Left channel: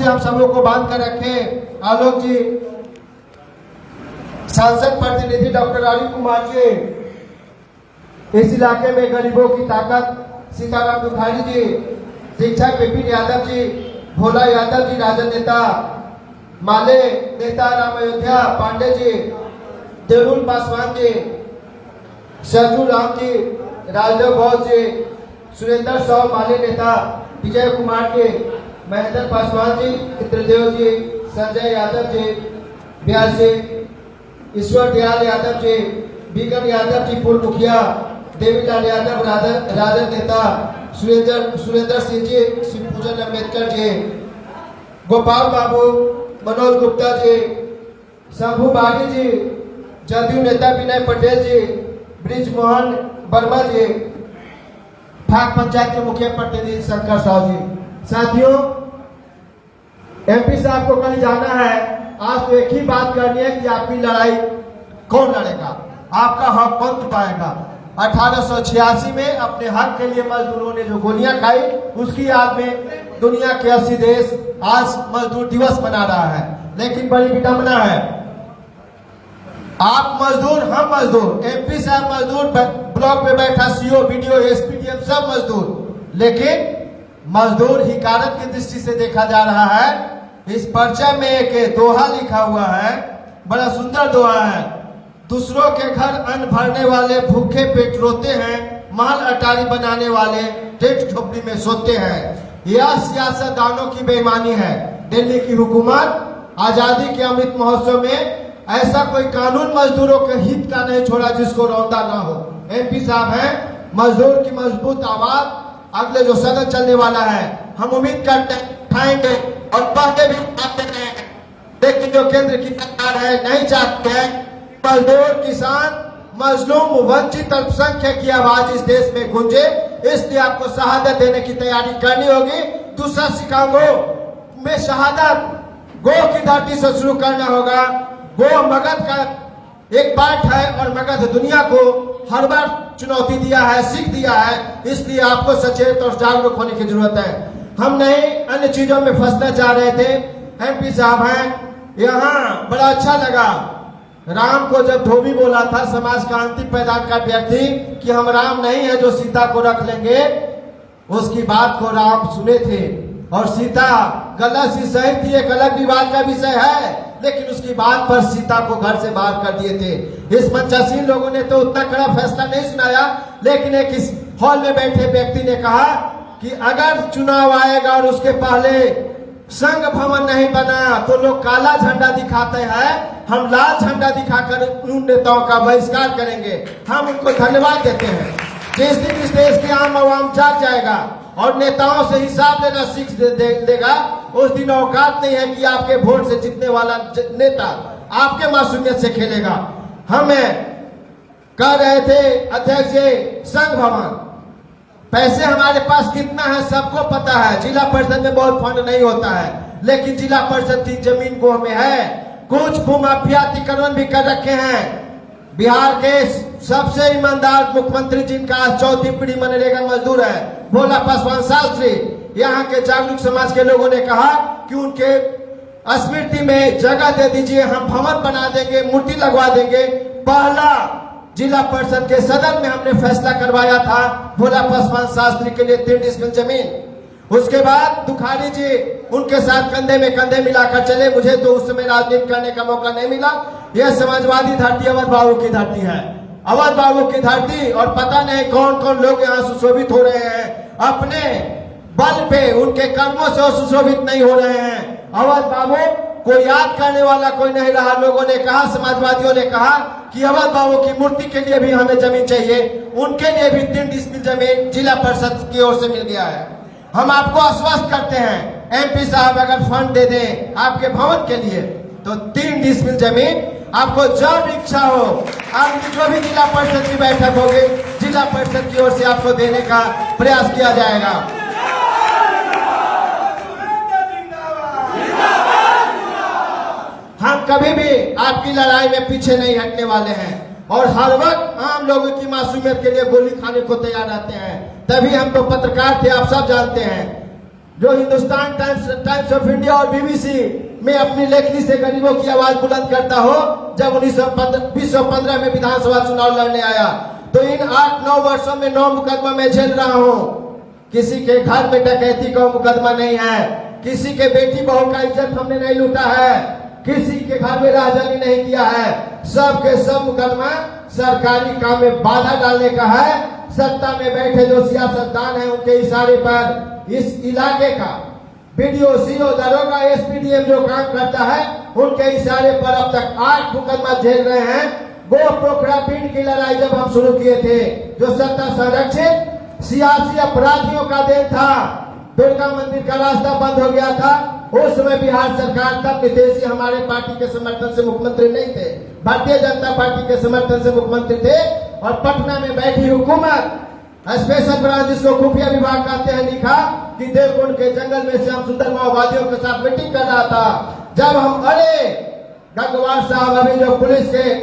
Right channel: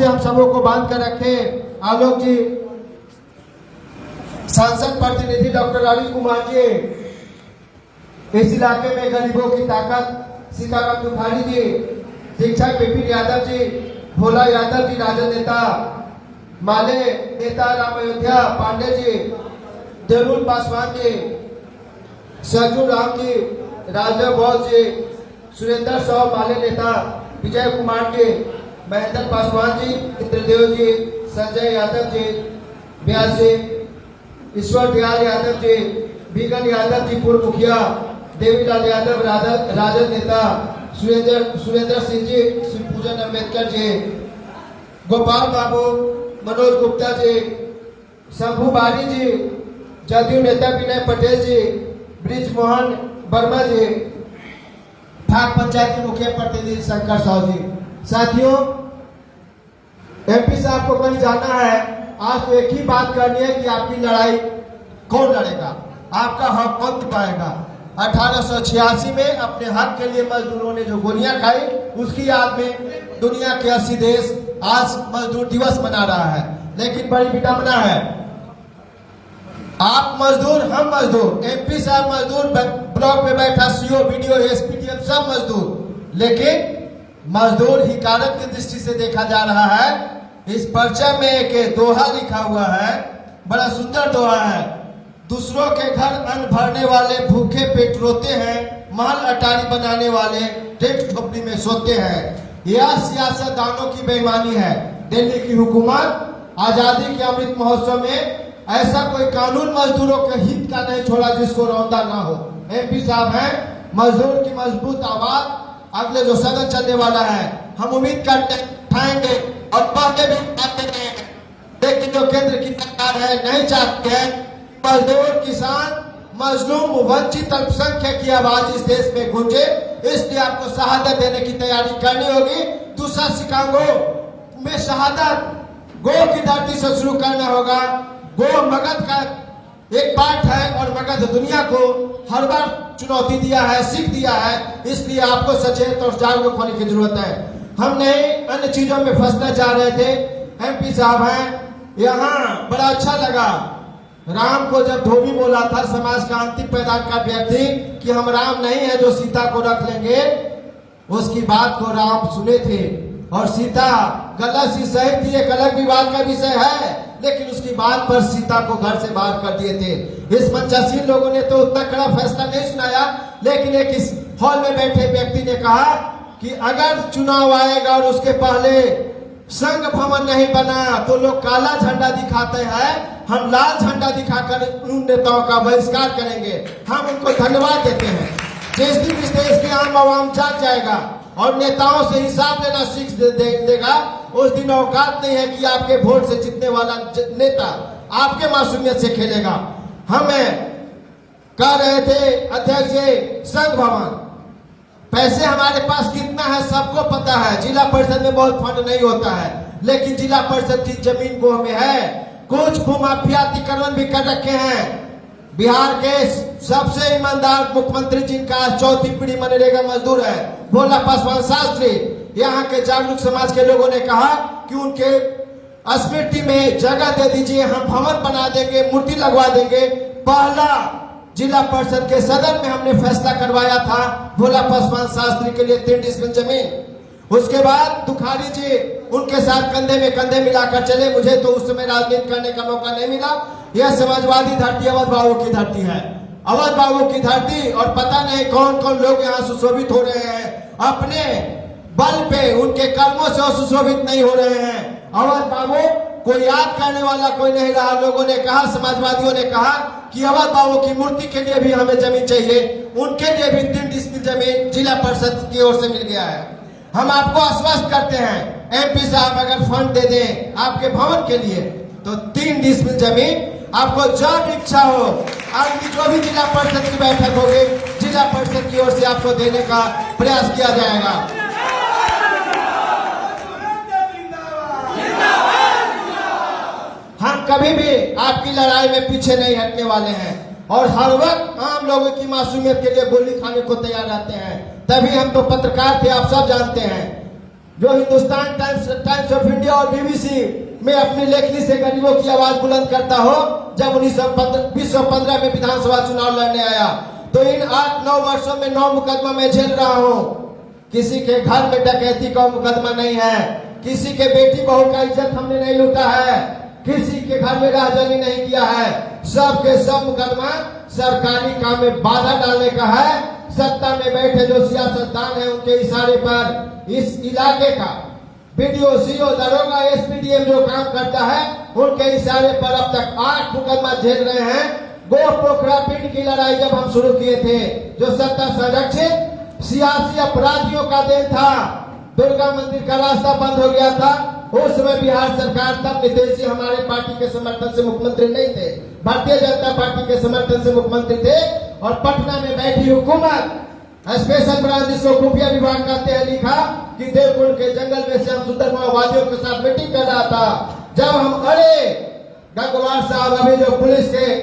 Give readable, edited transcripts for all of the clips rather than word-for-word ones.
से हम सबों को बांध कर रखे। आलोक जी, सांसद प्रतिनिधि डॉक्टर अरुण कुमार जी, इस इलाके में गरीबों की ताकत सीताराम बुखारी जी, शिक्षक विपिन यादव जी, भोला यादव जी राजद नेता, माले नेता राम अयोध्या पांडे जी, देवुल पासवान जी, सजू राम जी, राजदेव बोस जी, सुरेंद्र साव माले नेता, विजय कुमार जी, महेंद्र पासवान जी, इंद्रदेव जी, संजय यादव जी, व्यास जी, ईश्वर दयाल यादव जी, बीगन यादव जी पूर्व मुखिया, देवीलाल यादव राजद नेता, सुरेंद्र सिंह जी, शिवपूजन अम्बेडकर जी, गोपाल बाबू, मनोज गुप्ता जी, शंभू बाड़ी जी, जदयू नेता विनय पटेल जी, ब्रिज मोहन वर्मा जी, भाग पंचायत के मुखिया प्रतिनिधि शंकर साहु जी। साथियों, एमपी साहब को कहीं जाना है, आज तो एक ही बात करनी है कि आपकी लड़ाई कौन लड़ेगा, आपका हक कौन पाएगा। 1886 में अपने हक के लिए मजदूरों ने जो गोलियां खाई, उसकी याद में दुनिया के 80 देश आज मजदूर दिवस मना रहा है। लेकिन बड़ी विडंबना है, आप मजदूर, हम मजदूर, एमपी साहब मजदूर, ब्लॉक में बैठा सीओ, बीडीओ, एसपीडीएम सब मजदूर, लेकिन मजदूर हिकारत की दृष्टि से देखा जा रहा है। इस पर्चा में एक दोहा लिखा हुआ है, बड़ा सुंदर दोहा है। दूसरों के घर अन्न भरने वाले भूखे पेट रोते हैं, माल अटारी बनाने वाले टेंट झोपड़ी में सोते हैं। यह सियासतदानों की बेईमानी है। दिल्ली की हुकूमत आजादी के अमृत महोत्सव में ऐसा कोई कानून मजदूरों के हित का नहीं छोड़ा जिसको रौंदा ना हो। एमपी साहब हैं मजदूर की मजबूत आवाज। अगले जो सदन चलने वाला है, हम उम्मीद करते हैं उठाएंगे और बातें भी आते हैं, लेकिन जो केंद्र की सरकार है नहीं चाहते हैं मजदूर, किसान, मजलूम, वंचित, अल्पसंख्यक की आवाज इस देश में गूंजे। इसलिए आपको शहादत देने की तैयारी करनी होगी। दूसरा शिकागो में शहादत गो की धरती से शुरू करना होगा। गो मगध का एक पार्ट है और मगध दुनिया को हर बार चुनौती दिया है, सीख दिया है। इसलिए आपको सचेत और जागरूक होने की जरूरत है। हम नहीं अन्य चीजों में फंसना चाह रहे थे। एमपी साहब हैं, यहाँ बड़ा अच्छा लगा राम को जब धोबी बोला था, समाज क्रांति पैदा कर व्यक्ति, कि हम राम नहीं है जो सीता को रख लेंगे, उसकी बात को राम सुने थे और सीता गलत सी सही थी, एक अलग विवाद का विषय है, लेकिन उसकी बात पर सीता को घर से बाहर कर दिए थे। इस मंचासीन लोगों ने तो उतना कड़ा फैसला नहीं सुनाया, लेकिन एक इस हॉल में बैठे व्यक्ति ने कहा कि अगर चुनाव आएगा और उसके पहले संघ भवन नहीं बना तो लोग काला झंडा दिखाते हैं, हम लाल झंडा दिखाकर उन नेताओं का बहिष्कार करेंगे। हम उनको धन्यवाद देते हैं। जिस दिन इस देश के आम आवाम जाग जाएगा और नेताओं से हिसाब देना सीख देगा, उस दिन औकात नहीं है कि आपके वोट से जीतने वाला नेता आपके मासूमियत से खेलेगा। हमें कह रहे थे अध्यक्ष जी, संघ भवन, पैसे हमारे पास कितना है सबको पता है। जिला परिषद में बहुत फंड नहीं होता है, लेकिन जिला परिषद की जमीन को हमें है। कुछ भूमाफिया अतिक्रमण भी कर रखे हैं। बिहार के सबसे ईमानदार मुख्यमंत्री जिनका चौथी पीढ़ी मनरेगा मजदूर है, भोला पासवान शास्त्री, यहाँ के जागरूक समाज के लोगों ने कहा कि उनके स्मृति में जगह दे दीजिए, हम भवन बना देंगे, मूर्ति लगवा देंगे। पहला जिला परिषद के सदन में हमने फैसला करवाया था भोला पासवान शास्त्री के लिए 3 डिसमिल जमीन। उसके बाद तुखारी जी उनके साथ कंधे में कंधे मिलाकर चले। मुझे तो उस समय राजनीति करने का मौका नहीं मिला। यह समाजवादी धरती अवध बाबू की धरती है, अवध बाबू की धरती, और पता नहीं कौन कौन लोग यहाँ सुशोभित हो रहे हैं। अपने बल पे, उनके कर्मों से सुशोभित नहीं हो रहे हैं। अवध बाबू को याद करने वाला कोई नहीं रहा। लोगों ने कहा, समाजवादियों ने कहा कि अवध बाबू की मूर्ति के लिए भी हमें जमीन चाहिए। उनके लिए भी 3 डिसमिल जमीन जिला परिषद की ओर से मिल गया है। हम आपको आश्वस्त करते हैं, एमपी साहब अगर फंड दे दें आपके भवन के लिए तो 3 डिसमिल जमीन आपको जब इच्छा हो, आपकी जो भी जिला परिषद की बैठक होगी, जिला परिषद की ओर से आपको देने का प्रयास किया जाएगा। हम कभी भी आपकी लड़ाई में पीछे नहीं हटने वाले हैं और हर वक्त आम लोगों की मासूमियत के लिए गोली खाने को तैयार रहते हैं। तभी हम तो पत्रकार थे, आप सब जानते हैं। जो हिंदुस्तान टाइम्स ऑफ इंडिया और बीबीसी में अपनी लेखनी से गरीबों की आवाज बुलंद करता हो, जब 1915 में विधानसभा चुनाव लड़ने आया तो इन 8-9 वर्षों में 9 मुकदमा मैं झेल रहा हूँ। किसी के घर में डकैती का मुकदमा नहीं है, किसी के बेटी बहू का इज्जत हमने नहीं लूटा है, किसी के घर में राजनी नहीं किया है। सब के सब मुकदमा सरकारी काम में बाधा डालने का है। सत्ता में बैठे जो सियासतदान है उनके इशारे पर इस इलाके का बीडीओ, सीओ, दरोगा, एसपीडीएम जो काम करता है उनके इशारे पर अब तक 8 मुकदमा झेल रहे हैं। गो पोखरा पिंड की लड़ाई जब हम शुरू किए थे, जो सत्ता संरक्षित सियासी अपराधियों का देन था, दुर्गा मंदिर का रास्ता बंद हो गया था। उस समय बिहार सरकार तब विदेशी हमारे पार्टी के समर्थन से मुख्यमंत्री नहीं थे, भारतीय जनता पार्टी के समर्थन से मुख्यमंत्री थे। और पटना में बैठी हुकूमत स्पेशल ब्रांच, जिसको खुफिया विभाग कहते हैं, लिखा कि देवकुंड के जंगल में से हम सुंदर माओवादियों के साथ मीटिंग कर रहा था। जब हम अरे गंगवार साहब अभी जो पुलिस के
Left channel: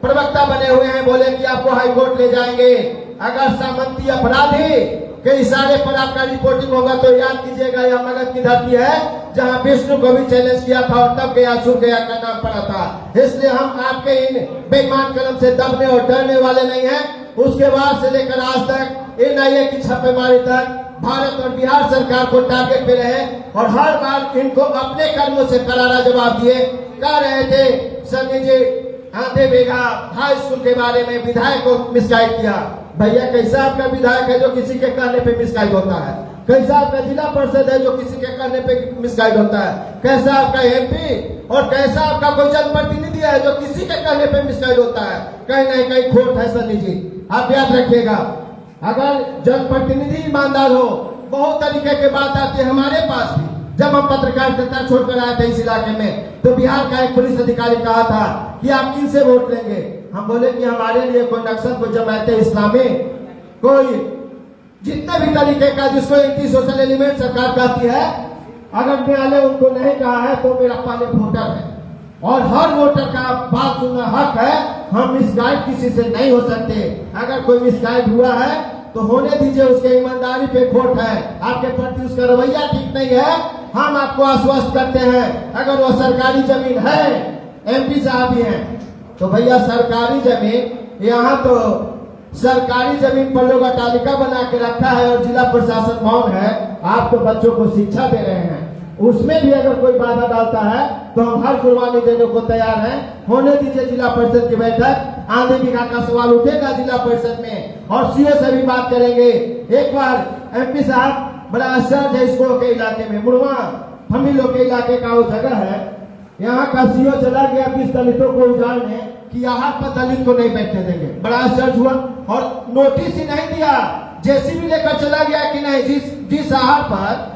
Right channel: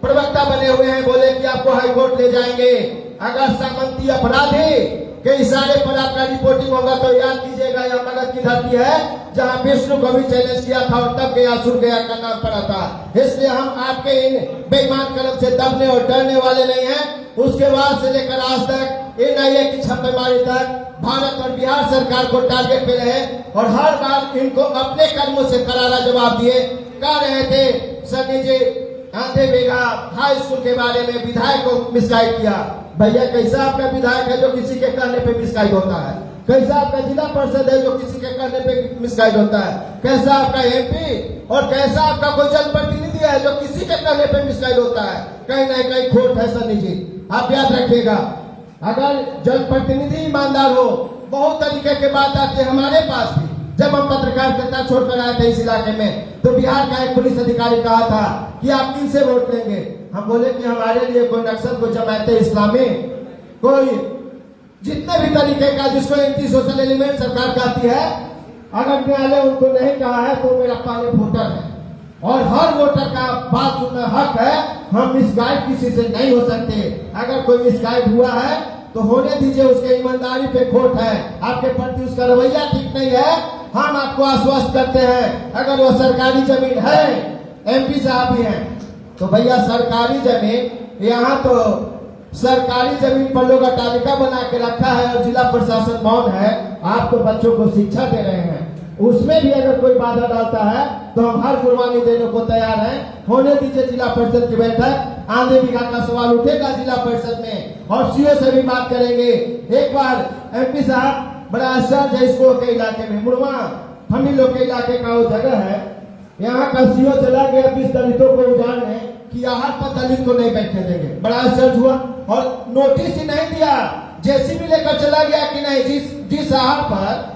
प्रवक्ता बने हुए हैं, बोले कि आपको हाई कोर्ट ले जाएंगे अगर सामंती अपराधी के इशारे पर आपका रिपोर्टिंग होगा तो याद कीजिएगा यह मगध की धरती है जहां विष्णु को भी चैलेंज किया था और तब गया असुर गया का नाम पड़ा था। इसलिए हम आपके इन बेईमान कदम से दबने और डरने वाले नहीं हैं। उसके बाद से लेकर आज तक एनआईए की छापेमारी तक भारत और बिहार सरकार को टारगेट पे रहे और हर बार इनको अपने कर्मों से करारा जवाब दिए। कह रहे थे सनी जी आधे बेगा हाई स्कूल के बारे में विधायक को मिसगाइड किया। भैया कैसा आपका विधायक है जो किसी के कहने पे मिसगाइड होता है? कैसा आपका जिला परिषद है जो किसी के कहने पे मिसगाइड होता है? कैसा आपका एमपी और कैसा आपका कोई जनप्रतिनिधि है जो किसी के कहने पे मिसगाइड होता है? कहीं ना कहीं खोट है सनी जी, आप याद रखिएगा। अगर जनप्रतिनिधि ईमानदार हो, बहुत तरीके की बात आती है हमारे पास भी। जब हम पत्रकारिता छोड़कर आए थे इस इलाके में तो बिहार का एक पुलिस अधिकारी कहा था कि आप किनसे वोट लेंगे? हम बोले कि हमारे लिए कोई नक्सल, कोई जमायत इस्लामी, कोई जितने भी तरीके का जिसको एंटी सोशल एलिमेंट सरकार कहती है, अगर न्यायालय उनको नहीं कहा है तो मेरा पाले वोटर है और हर वोटर का बात सुनना हक है। हम मिसगाइड किसी से नहीं हो सकते। अगर कोई मिसगाइड हुआ है तो होने दीजिए, उसके ईमानदारी पे खोट है, आपके प्रति उसका रवैया ठीक नहीं है, हम आपको आश्वस्त करते हैं। अगर वो सरकारी जमीन है, एमपी साहब भी हैं, तो भैया सरकारी जमीन, यहाँ तो सरकारी जमीन पर लोग अटालिका बना के रखा है और जिला प्रशासन मौन है। आप तो बच्चों को शिक्षा दे रहे हैं, उसमें भी अगर कोई बाधा डालता है तो हम हर कुर्बानी देने को तैयार हैं। होने दीजिए जिला परिषद की बैठक, आधे बीघा का सवाल उठेगा जिला परिषद में और सीए से भी बात करेंगे। एक बार एमपी साहब, बड़ा आश्चर्य है इसको के इलाके में, मुड़वा हम ही लोग के इलाके का वो जगह है, यहाँ का सीओ चला गया 20 दलितों को उजाड़ने कि यहाँ पर दलित को नहीं बैठने देंगे। बड़ा आश्चर्य हुआ और नोटिस ही नहीं दिया, जेसीबी लेकर चला गया कि नहीं, जिस आहर पर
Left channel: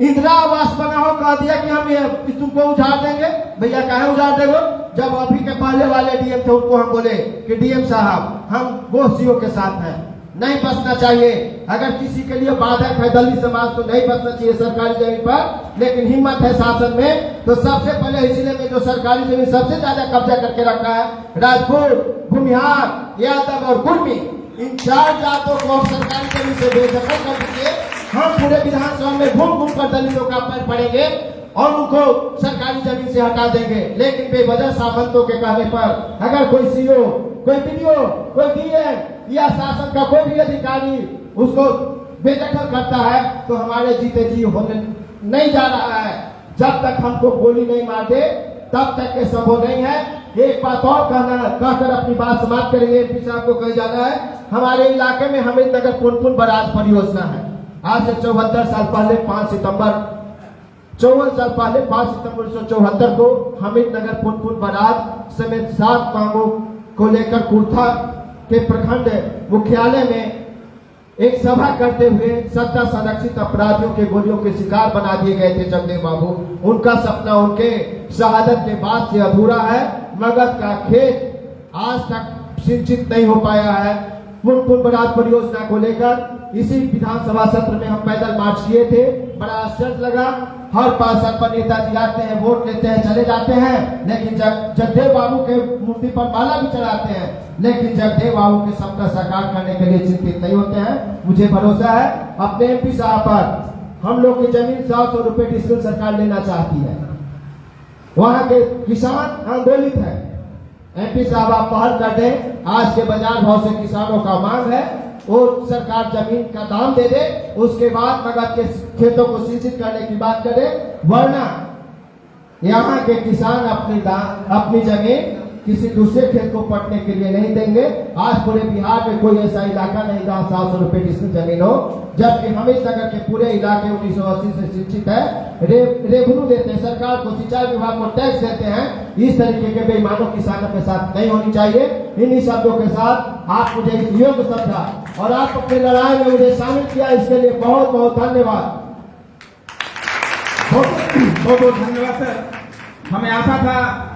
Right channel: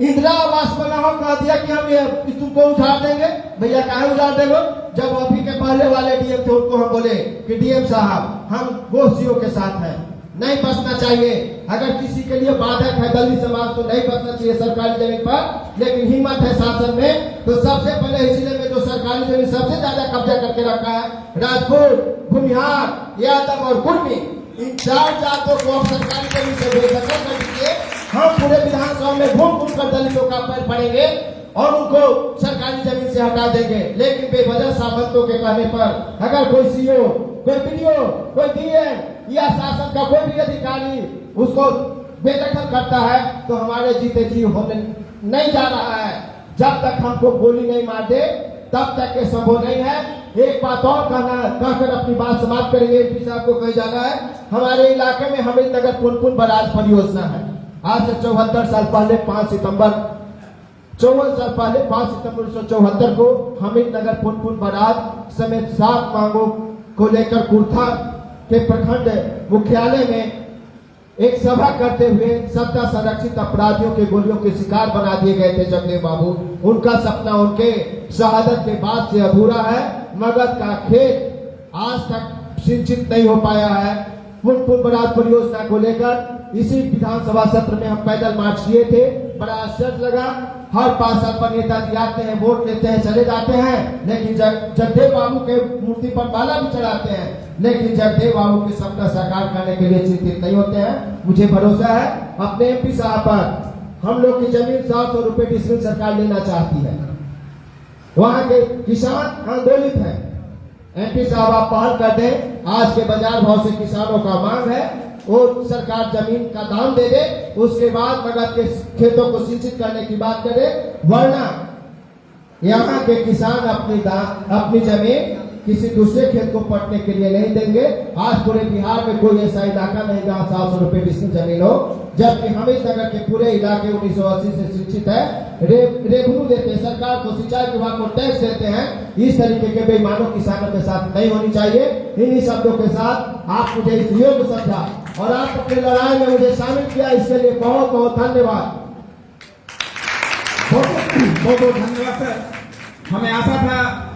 इंदिरा आवास बना हो कह दिया कि हम ये तुमको उजाड़ देंगे। भैया काहे उजाड़ देंगे? जब अभी के पहले वाले डीएम थे उनको हम बोले कि डीएम साहब हम वो सीओ के साथ हैं, नहीं बसना चाहिए। अगर किसी के लिए बाधक है दलित समाज तो नहीं बसना चाहिए सरकारी जमीन पर, लेकिन हिम्मत है शासन में तो सबसे पहले इस जिले में जो सरकारी जमीन सबसे ज्यादा कब्जा करके रखा है, राजपूत, भूमिहार, यादव और कुर्मी, इन 4 जातों को आप सरकारी जमीन से बेदखल कर दीजिए। हम पूरे विधानसभा में घूम घूम कर दलितों का पैर पड़ेंगे और उनको सरकारी जमीन से हटा देंगे। लेकिन बेवजह सामंतों के कहने पर अगर कोई सीओ, कोई बीडीओ, कोई डीएम या शासन का कोई भी अधिकारी उसको बेदखल करता है तो हमारे जीते जी होने नहीं जा रहा है। जब तक हमको गोली नहीं मार दे तब तक ये संभव नहीं है। एक बात और कहकर अपनी बात समाप्त करेंगे। एमपी साहब को कहीं जाना है, हमारे इलाके में हमीद नगर पुनपुन बराज परियोजना है। आज से 74 साल पहले 5 सितंबर 1974 को हमीद नगर पुनपुन बराज समेत 7 मांगों को लेकर कुर्था के प्रखंड मुख्यालय में एक सभा करते हुए सत्ता संरक्षित अपराधियों के गोलियों के शिकार बना दिए गए थे जगदेव बाबू। उनका सपना उनके शहादत के बाद से अधूरा है। मगध का खेत आज तक सिंचित नहीं हो पाया है। पुनपुन बराज परियोजना को लेकर इसी विधानसभा सत्र में हम पैदल मार्च किए थे। बड़ा आश्चर्य लगा, हर पार्षद पर नेताजी आते हैं, वोट लेते हैं, चले जाते हैं, लेकिन जगदेव बाबू के मूर्ति पर माला भी चढ़ाते हैं, लेकिन जगदेव बाबू के सपना साकार करने के लिए चिंतित नहीं होते हैं। मुझे भरोसा है अपने एमपी साहब पर हम लोग की जमीन 700 रुपए डिस्ट्रिक्ट सरकार लेना चाहती है। वहां के किसान आंदोलित है। एमपी साहब आप पहल कर दें, आज के बाजार भाव से किसानों का मांग है वो सरकार जमीन का दाम दे दे, उसके बाद नगद के खेतों को सिंचित करने की बात करे, वरना यहाँ के किसान अपनी जमीन किसी दूसरे खेत को पटने के लिए नहीं देंगे। आज पूरे बिहार में कोई ऐसा इलाका नहीं जहाँ 700 रुपए डिस्ट्रिक्ट जमीन हो, जबकि हमीर नगर के पूरे इलाके 1980 से शिक्षित है। रेवेन्यू देते हैं, सरकार को सिंचाई विभाग को टैक्स देते हैं। इस तरीके के बेईमानों किसानों के साथ नहीं होनी चाहिए। इन्हीं शब्दों के साथ आप मुझे इस योग्य समझा और आप अपनी लड़ाई में मुझे शामिल किया, इसके लिए बहुत बहुत धन्यवाद। बहुत बहुत धन्यवाद सर। हमें आशा था